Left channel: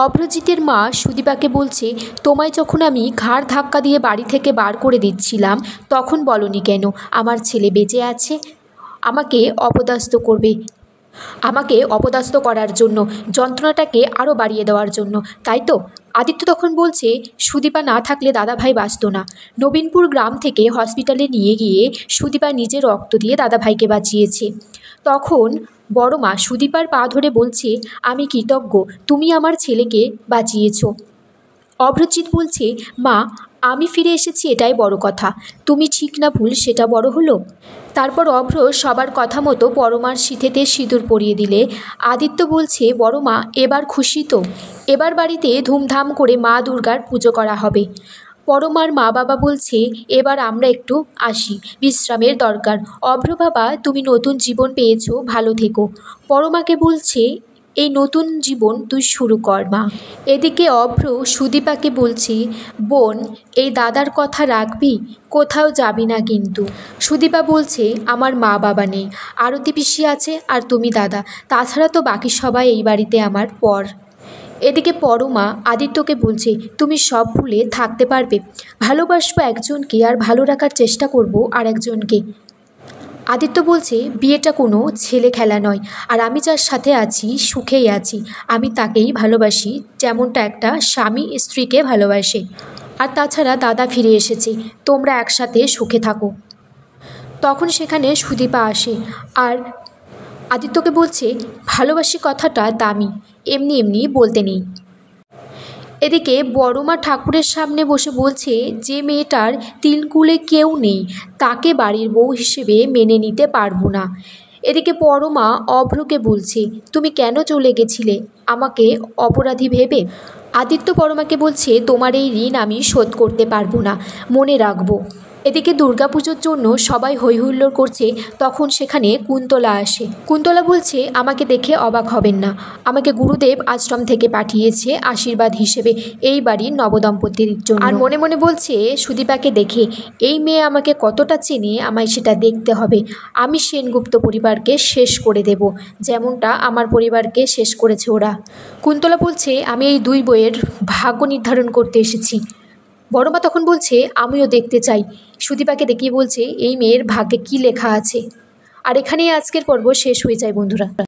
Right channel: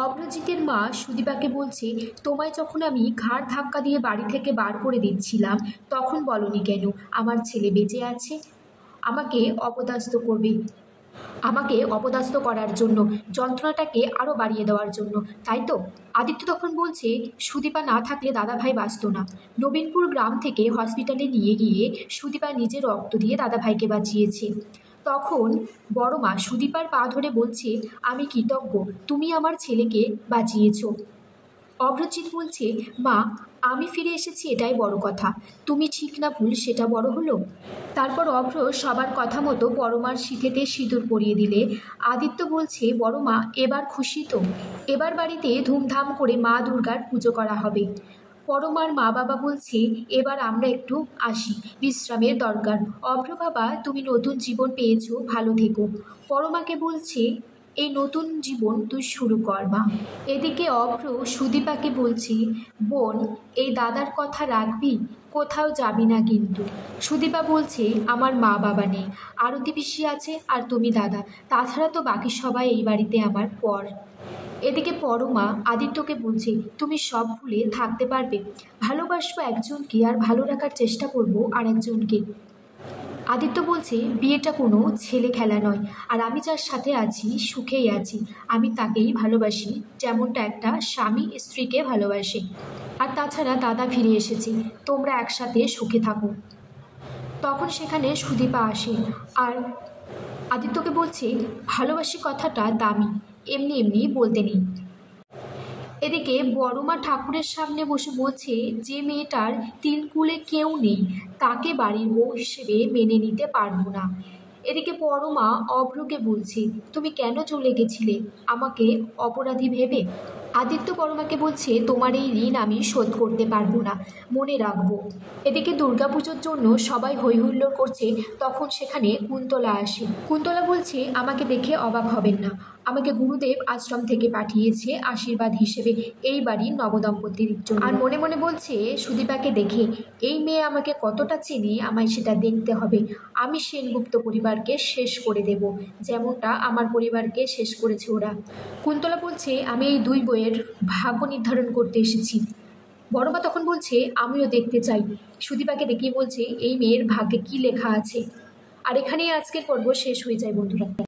অভ্রজিতের মা সুদীপাকে বলছে, তোমায় যখন আমি ঘাড় ধাক্কা দিয়ে বাড়ি থেকে বার করে দিচ্ছিলাম তখন বলনি কেন আমার ছেলে বেঁচে আছে? আমাকে অপদস্থ করবে, আমাকে অপদস্থ করার জন্য, যন্ত্রণাটাকে আরও বাড়িয়ে দেওয়ার জন্য, তাই তো? আদিত্য তখন বলছে, সুদীপা না থাকলে দাদাভাই বাঁচত না। নবীনপুর গ্রাম থেকে হসপিটালে নিয়ে গিয়ে সুদীপা নিজের রক্ত দিয়ে দাদাভাইকে বাঁচিয়েছে। তখন বড় মা সুদীপার পা ধরে বলছে, আমি কৃতজ্ঞ, তুমি আমার ছেলেকে বাঁচিয়েছ। অভ্রজিৎ বলছে, মা আমি ফিরে এসেছি এটাই বড় কথা, তুমি ঠিক না ভুল সেটা বড় হলো। তারপর অভ্র সবার কথা মতো বড় মার সিঁথিতে সিঁদুর পরিয়ে দিলে আদিত্য বলছে, বড় মা এবার খুশি তো? এবার বাড়িতে ধুমধাম করে মা দুর্গার পুজো করা হবে। বড় মার মা বাবা বলছে, এবার আমরা একটু আসি, বিশ্রামের দরকার। অভ্র বাবা তুমি নতুন জীবন পেয়েছো, ভালো থেকো। বড় মাকে বলছে, এই নতুন জীবন তুই শুরু কর মা। এদিকে অভ্র সুদীপাকে বলছি, বোন এই দাদার কথা রাখবি, কোথাও যাবি না কিন্তু। সুদীপা বলছে, আমার মা বাবা নেই, আরতি পিসি আছে আর তুমি দাদা, তাছাড়া তো বাকি সবাই এই বাড়িতে আমার পর। এদিকে পরমা আদিত্যকে বলছে, তুমি সব ভুলে থাকতে পারবে? ভালোবাসবো একজনকে আর ভালো রাখার চেষ্টা করব আর একজনকে। আদিত্য বলছে, বিয়েটা কোনো ছেলে খেলা নয়, আর আমি যার সাথে আছি সুখেই আছি, আমি তাকেই ভালোবাসি যেমনটা একটা স্বামী স্ত্রীকে ভালোবাসে। আর তাছাড়া দাদা ফিরে এসেছে, তোমরা একসাথে সুখে থাকো। তখন সেখানে সুদীপা আসে আর আদিত্যকে বলছে, ভালোবাসি কথাটা দামি, এমনি এমনি বলতে নেই। এদিকে বড়মা ঠাকুরের সামনে বসে বলছে, যে মেয়েটার তিলকুলে কেউ নেই তাকে বাড়ির বউ হিসেবে মেনে নিতে পারবো না। এদিকে বড়মা অভ্রকে বলছে, তুমি কেন চলে গেছিলে আমাকে অপরাধী ভেবে? আদিত্য বড়মাকে বলছে, তোমার এই ঋণ আমি শোধ করতে পারবো না, মনে রাখবো। এদিকে দুর্গাপুজোর জন্য সবাই হৈহুল্লোড় করছে, তখন সেখানে কুন্তলা আসে। কুন্তলা বলছে, আমাকে দেখে অবাক হবেন না, আমাকে গুরুদেব আশ্রম থেকে পাঠিয়েছে আশীর্বাদ হিসেবে এই বাড়ির নবদম্পতির জন্য। আর মনে মনে বলছে, সুদীপাকে দেখে এই মেয়ে আমাকে কতটা চেনে আমায় সেটা দেখতে হবে। আমি সেনগুপ্ত পরিবারকে শেষ করে দেব, যেমনটা আমার পরিবারকে শেষ করেছে ওরা। কুন্তলা বলছে, আমি এই দুই বইয়ের ভাগ্য নির্ধারণ করতে এসেছি। বড়মা তখন বলছে, আমিও দেখতে চাই। সুদীপাকে দেখিয়ে বলছে, এই মেয়ের ভাগ্যে কী লেখা আছে। আর এখানেই আজকের পর্ব শেষ হয়ে যায় বন্ধুরা।